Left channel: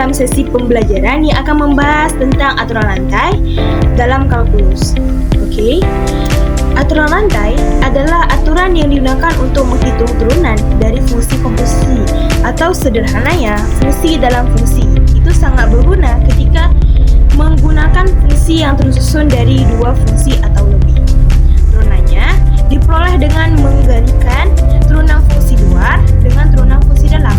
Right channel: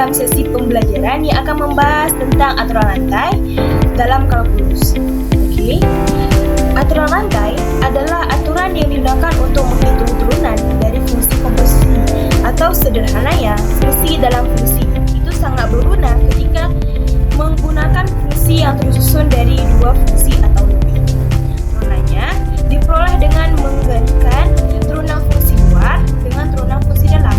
dalam sesi pembelajaran yang akan membahas tentang aturan rantai dalam kalkulus. Oke. Aturan rantai adalah aturan yang digunakan untuk menghitung turunan dari fungsi komposisi atau sederhananya fungsi dalam fungsi. Itu sangat berguna ketika menggunakan fungsi yang tersusun dari dua fungsi atau lebih. Turunannya diperoleh dengan menggabungkan turunan fungsi luar dengan turunan fungsi dalam.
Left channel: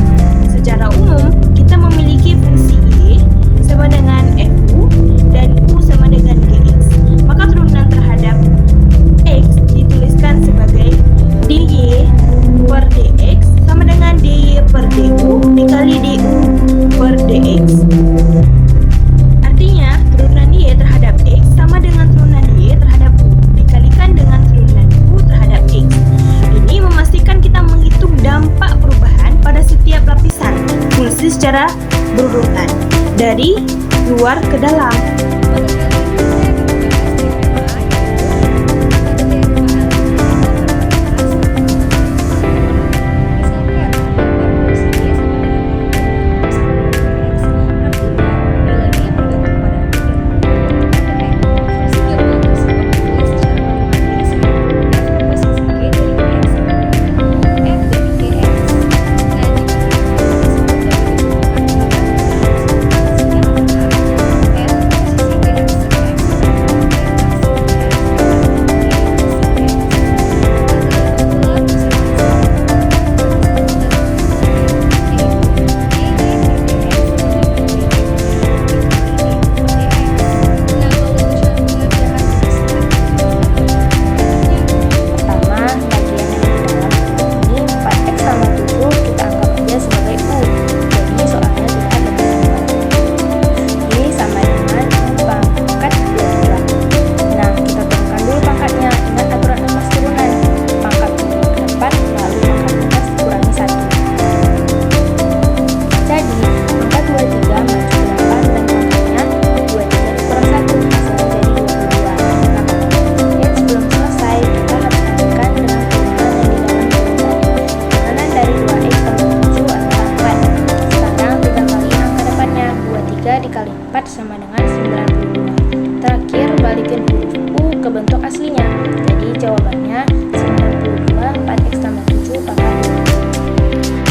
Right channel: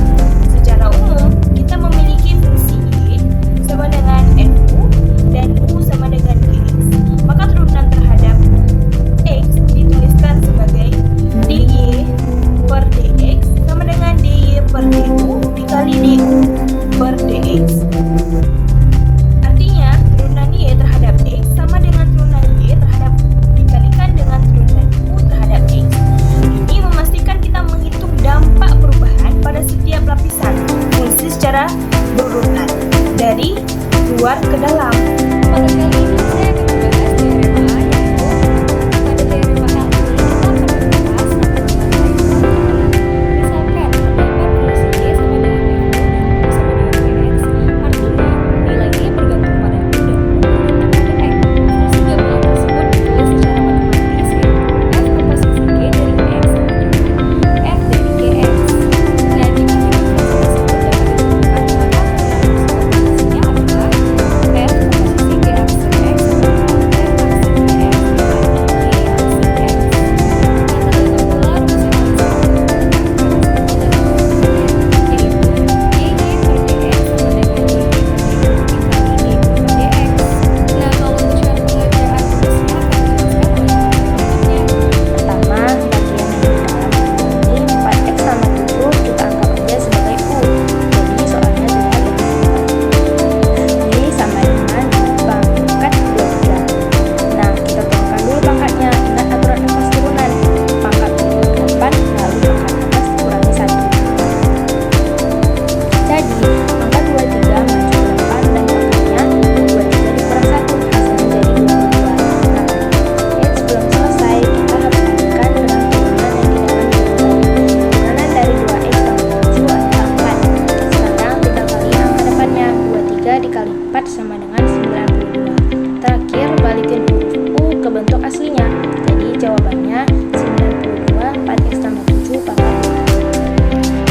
Secara umum, kita memiliki fungsi Y sama dengan Fu dan U sama dengan Dx. Maka turunan terhadap X dituliskan sebagai dy per dx sama dengan dy per du dikali du per dx. Artinya, turunan y terhadap x sama dengan turunan y terhadap u dikalikan dengan turunan u terhadap x. Ini memastikan kita menghitung dampak perubahan pada setiap lapisan fungsi secara berurutan dari luar ke dalam. Pada kali ini saya akan membahas teorema A, yaitu pada teorema A ini kita akan membahas misalkan terdapat fungsi Y sama dengan F dan U sama dengan Px, artinya nilai Y bergantung pada U dan U bergantung pada X. Fungsi gabungan tersebut ditulis secara matematis yaitu F komposisi G dari X sama dengan F dari Gx. Nah, jika fungsi tersebut dapat ditentukan, maka komposisinya adalah F komposisi G aksen X sama dengan F aksen X dikali G aksen X. Nah, terdapat pula rumus yang sama yaitu Y dikali D per DX sama dengan DY per DX. Nah, kalau untuk cara pengerjaan tugasnya akan dijelaskan oleh Pertama, bagian yang di dalam ini 4x tambah 7 kita anggap aja sebagai U. Jadi soalnya sudah lebih simpel. Y sama dengan U pangkat 12. Nah, kita turunkan dulu pangkatnya. Ingat aturan emas turunan. Pangkat 28 lalu pangkat atas dikurangi 1. Jadi, pangkat 23 maju 8 dan pangkatnya 23 dikurang 1 hasilnya jadi 22. Nah, X belum selesai, kita harus lanjutkan dengan turunan yang di dalam dulu tadi. Turunan dari 2x tambah 7 adalah 4. Sekarang 3 kali angka depannya, 23 dikali 4 sama dengan 92. Terakhir, balikin huruf U ke bentuk aslinya. Jadi jawabannya 92 4x tambah 7 pangkat 2.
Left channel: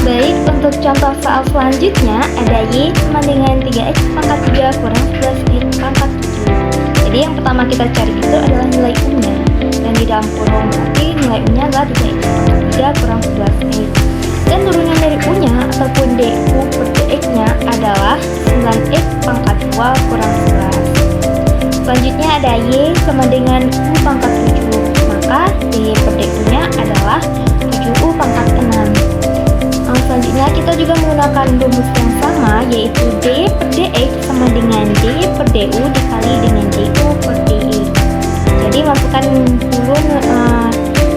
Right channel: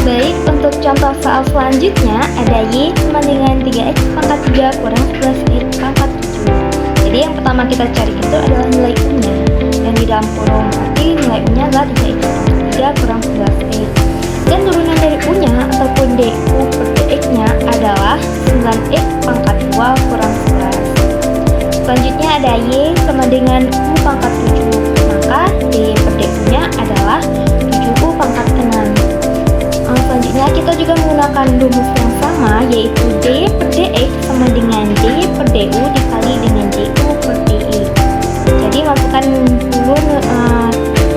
Baik, untuk contoh soal selanjutnya ada Y sama dengan 3x pangkat 3 kurang 11x pangkat 7. Jadi yang pertama kita cari itu adalah nilai U-nya. Dan di dalam kurung berarti nilai U-nya adalah 3x pangkat 3 kurang 11x. Dan turunan dari U-nya ataupun du per dx-nya adalah 9x pangkat 2 kurang 11. Selanjutnya ada Y sama dengan U pangkat 7. Maka dy per du-nya adalah 7U pangkat 6. Selanjutnya kita juga menggunakan rumus yang sama yaitu dy per dx sama dengan dy per du dikali dengan du per dx. Jadi masukkan dulu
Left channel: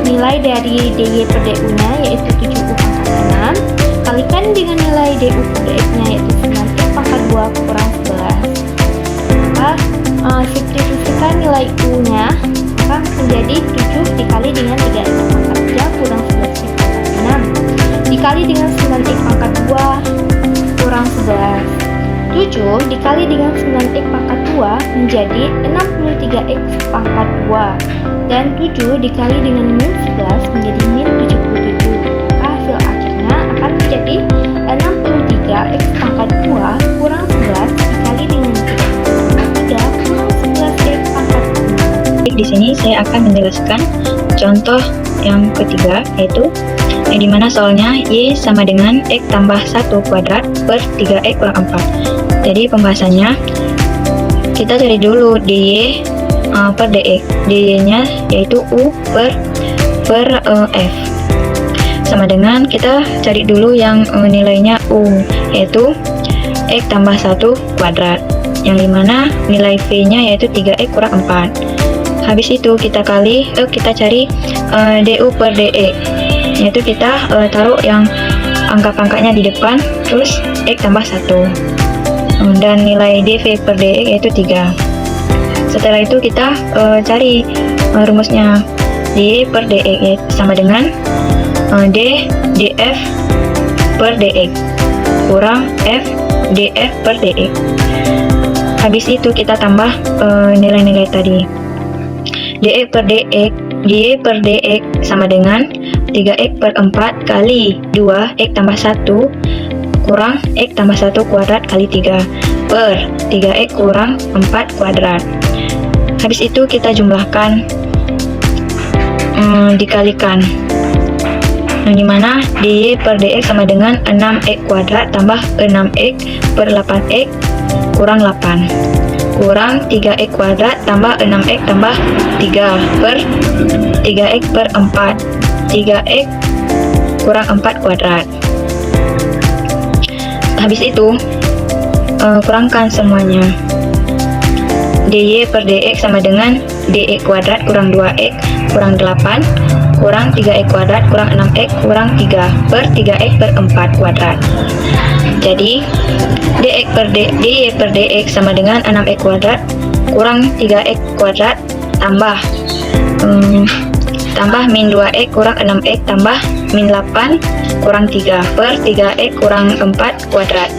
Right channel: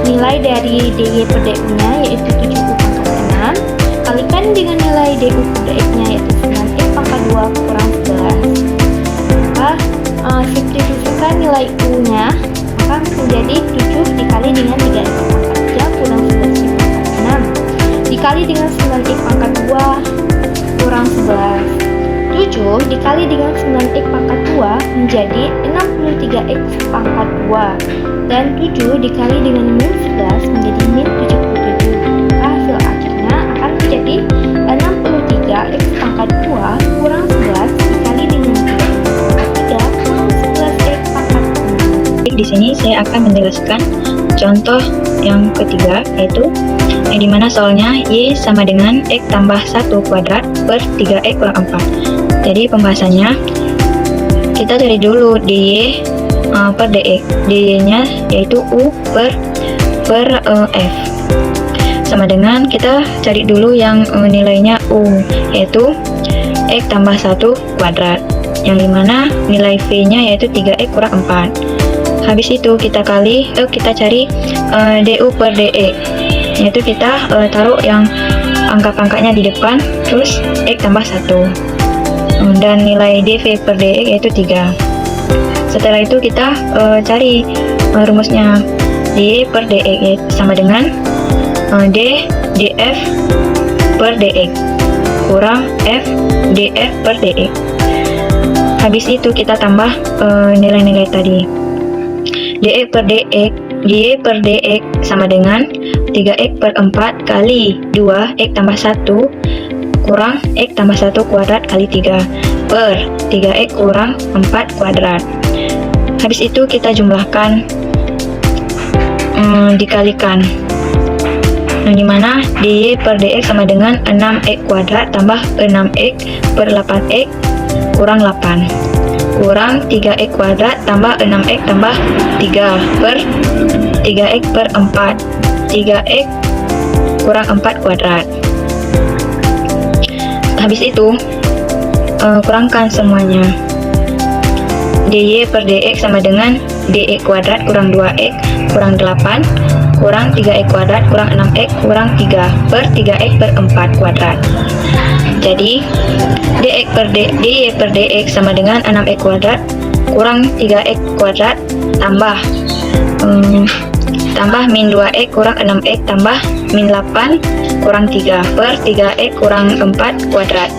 nilai dari dy per du-nya yaitu 7u pangkat 6 kalikan dengan nilai du per dx-nya yaitu 9x pangkat 2 kurang 11. Maka substitusikan nilai u-nya maka menjadi 7 dikali dengan 3x pangkat 3 kurang 11x pangkat 6 dikali dengan 9x pangkat 2 kurang 11. 7 dikali dengan 9x pangkat 2 menjadi 63x pangkat 2. Dan 7 dikali dengan min 11 menjadi min 77. Maka hasil akhirnya akan menjadi 63x pangkat 2 kurang 11 dikali dengan 3x pangkat 3 kurang 11x pangkat 6. Di sini saya akan menjelaskan contoh yang ketiga, yaitu yang dimana soalnya Y sama dengan X tambah 1 kuadrat per 3X kurang 4. Jadi pembahasannya, kita cari dulu dy per dx. dy nya yaitu U per F. Sama dengan kita cari dulu yang nilainya U, yaitu X tambah 1 kuadrat. Yang dimana nilai V nya yaitu 3X kurang 4. Habis itu kita cari du per dx, yaitu kita taruh yang angka pangkatnya di depan, terus x tambah 1, dan nilai dv per dx yaitu 3. Setelah itu kita cari rumusnya dy per dx sama dengan d df per dx kurang F dF per dx. Habis itu kita tambah nilai-nilai tadi. dx per dx, dy per dx sama dengan 3x per 4 kali 2x tambah 1 kurang x tambah 1 kuadrat kali 3 per 3x kurang 4 kuadrat. Habis itu kita jumlahkan, dikalikan, dimana dy per dx sama dengan 6x kuadrat tambah 6x per 8x kurang 8 kurang 3x kuadrat tambah 6x tambah 3 per 3x per 4 3x kurang 4 kuadrat. Habis itu kurangkan semuanya. dy per dx sama dengan dx kuadrat kurang 2x kurang 8 kurang 3x kuadrat kurang 6x kurang 3 per 3x per 4 kuadrat. Jadi dy per dx sama dengan 6x kuadrat kurang 3x kuadrat tambah min 2x kurang 6x tambah min 8 kurang 3 per 3x kurang 4 kuadrat.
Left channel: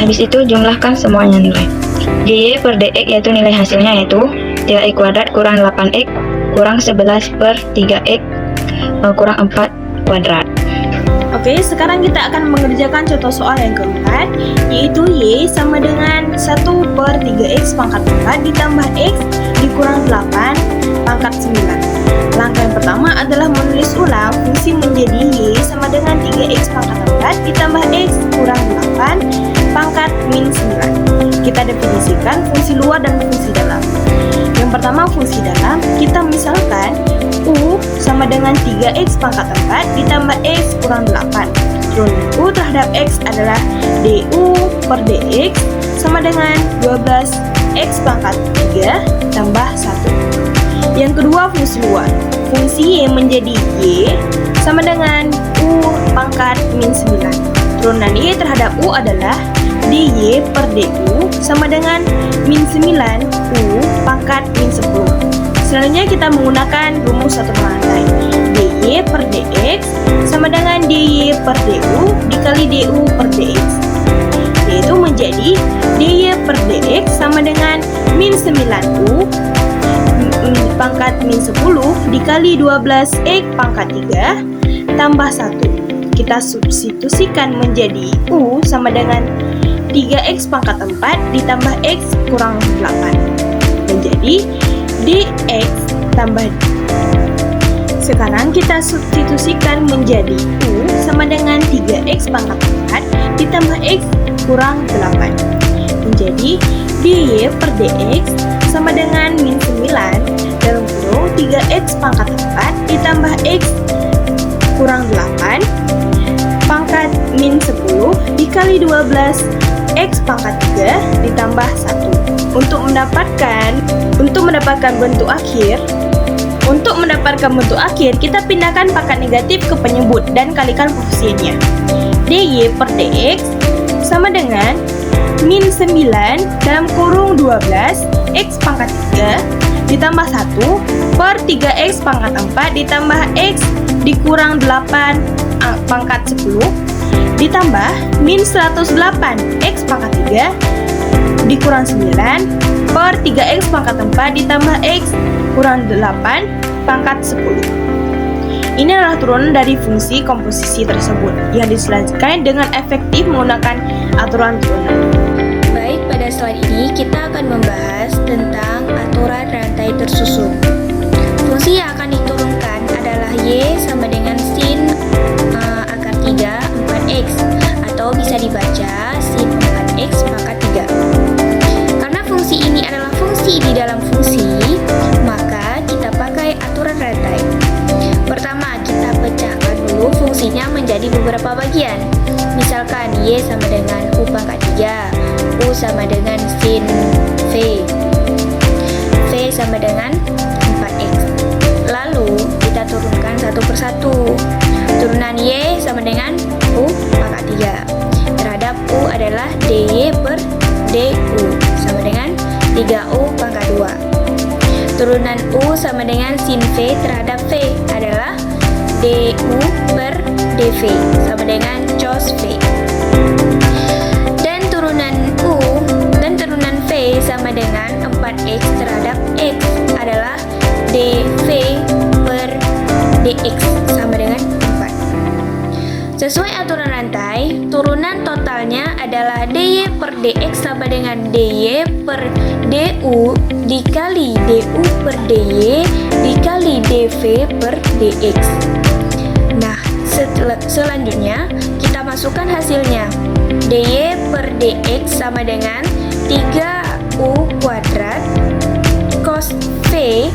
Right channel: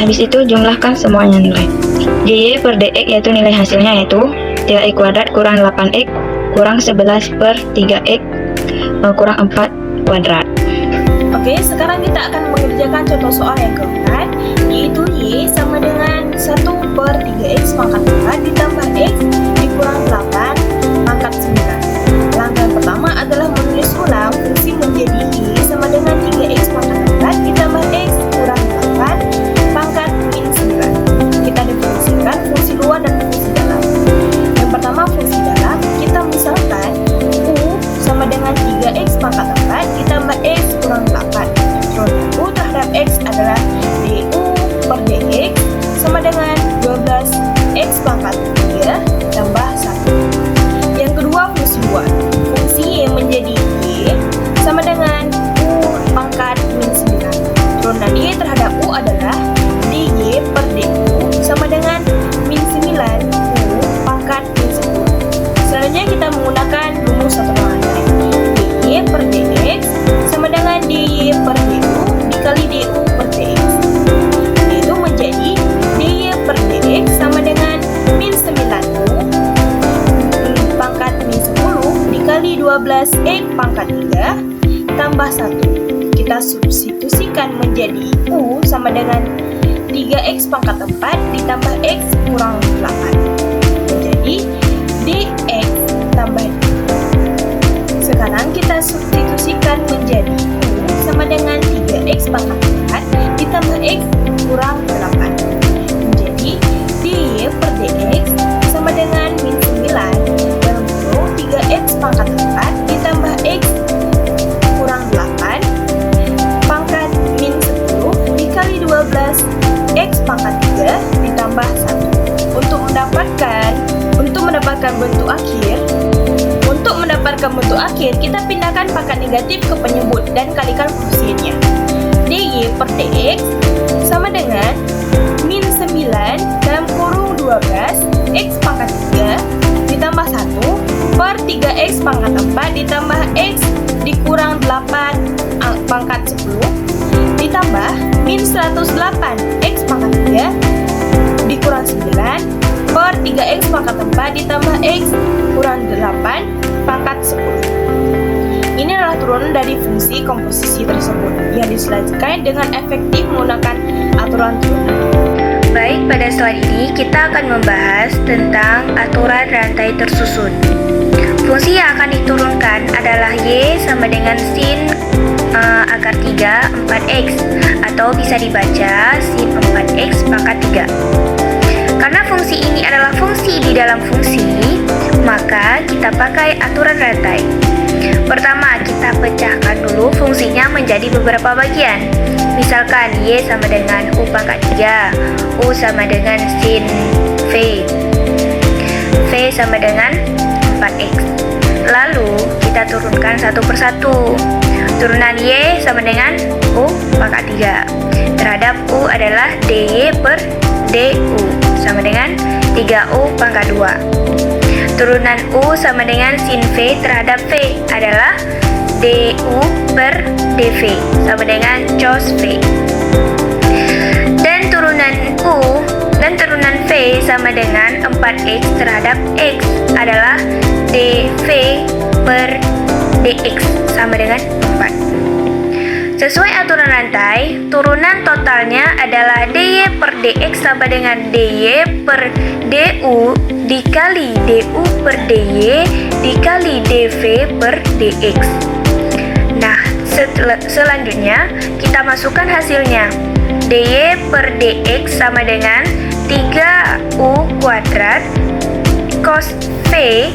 Habis itu jumlahkan semuanya nilai. dy per dx yaitu nilai hasilnya yaitu 3x kuadrat kurang 8x kurang 11 per 3x kurang 4 kuadrat. Oke, sekarang kita akan mengerjakan contoh soal yang keempat, yaitu Y sama dengan 1 per 3x pangkat 4 ditambah X dikurang 8 pangkat 9. Langkah yang pertama adalah menulis ulang fungsi menjadi Y sama dengan 3x pangkat 4 ditambah X kurang 8 pangkat min 9. Kita definisikan fungsi luar dan fungsi dalam. Yang pertama fungsi dalam, kita misalkan U sama dengan 3x pangkat 4 ditambah X kurang 8. Turunkan U terhadap X adalah du per dx sama dengan 12x pangkat 3 tambah 1. Yang kedua fungsi luar. Fungsi Y menjadi Y sama dengan U pangkat min 9. Turunan Y terhadap U adalah dy per du sama dengan min 9 U pangkat min 10. Selanjutnya kita menggunakan rumus satu rantai. dy per dx sama dengan dy per du dikali du per dx, yaitu menjadi dy per dx sama dengan min 9u pangkat min 10 dikali 12x pangkat 3 tambah 1. Kita substitusikan menjadi u sama dengan 3x pangkat 4 ditambah x kurang 8 menjadi dx tambah. Sekarang kita substitusikan menjadi U sama dengan 3x pangkat 4 ditambah x kurang 8 menjadi dy per dx sama dengan min 9 dalam kurung 3x pangkat 4 ditambah x kurang 8 pangkat min 10 dikali 12x pangkat 3 ditambah 1. Untuk mendapatkan bentuk akhir, kita pindahkan pangkat negatif ke penyebut dan kalikan koefisiennya. dy per dx sama dengan min 9 dalam kurung 12x pangkat 3 ditambah 1 per 3x pangkat 4 ditambah x dikurang 8 pangkat 10 ditambah min 108x pangkat 3 dikurang 9 per 3x pangkat 4 ditambah x kurang 8 pangkat 10. Ini adalah turunan dari fungsi komposisi tersebut yang diselesaikan dengan efektif menggunakan aturan turunan. Baik, pada slide ini kita akan membahas tentang aturan rantai tersusun. Fungsi yang akan diturunkan adalah Y sama dengan sin akar 3 4x atau bisa dibaca sin 4x pangkat 3. Karena fungsi ini adalah fungsi di dalam fungsi, maka kita pakai aturan rantai. Pertama, kita pecahkan dulu fungsinya menjadi beberapa bagian. Misalkan Y sama dengan U pangkat 3, U sama dengan sin V, V sama dengan 4x. Lalu, kita turunkan satu persatu. Turunan Y sama dengan U pangkat 3. Terhadap U adalah dy per du sama dengan 3u pangkat 2. Turunan U sama dengan sin V terhadap V adalah du per dv sama dengan cos v. Dan turunan v sama dengan 4x terhadap x adalah dv per dx sama dengan 4. Sesuai aturan rantai, turunan totalnya adalah dy per dx sama dengan dy per du dikali du per dy dikali dv per dx. Nah, selanjutnya kita masukkan hasilnya. dy per dx sama dengan 3u kuadrat cos v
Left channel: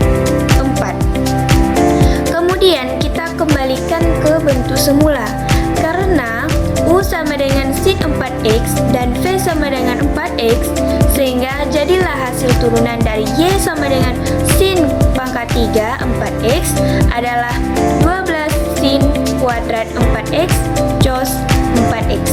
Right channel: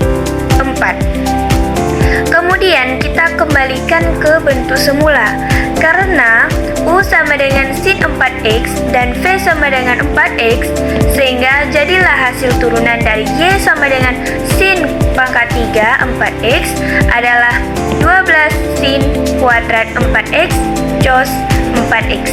4. Kemudian kita kembalikan ke bentuk semula. Karena U sama dengan sin 4x dan V sama dengan 4x, sehingga jadilah hasil turunan dari Y sama dengan sin pangkat 3 4x adalah 12 sin kuadrat 4x cos 4x.